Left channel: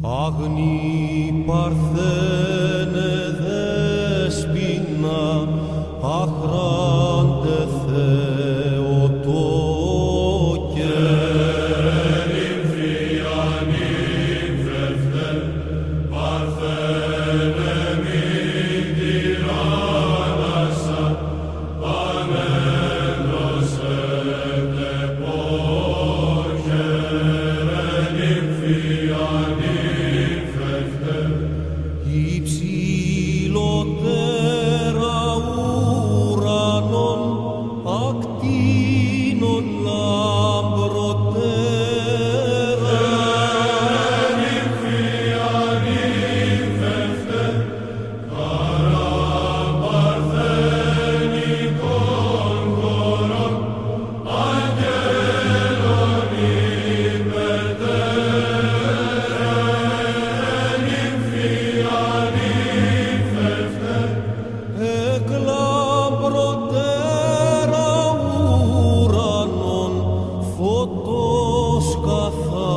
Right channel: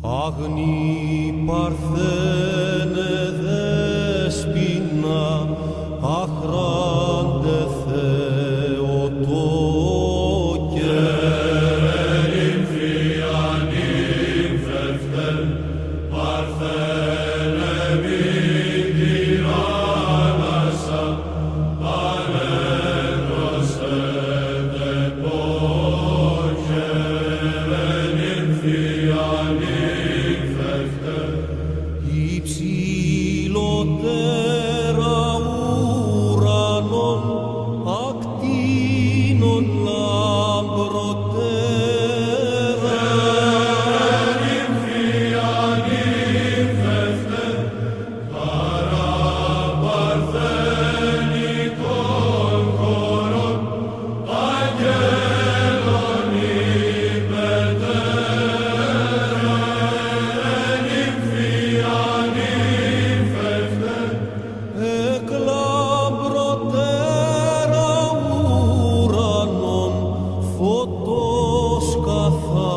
Αγνή Παρθένε δέσποινα, αχράντε Θεοτόκε. Νύμφια, νύμφευτε, Παρθένε μην τυράννασα, ανέδροσετε πόχε. Νύμφια, νύμφευτε, υψηλότερα ουρανών ακτίνων λαμπροτέρα. νύμφια, νύμφευτε, χαρά παρθενικών χωρών, αγγέλων υπετέρα. Νύμφια, νύμφευτε, Εκ λαμπροτέρα ουρανών φωτός καθαρός.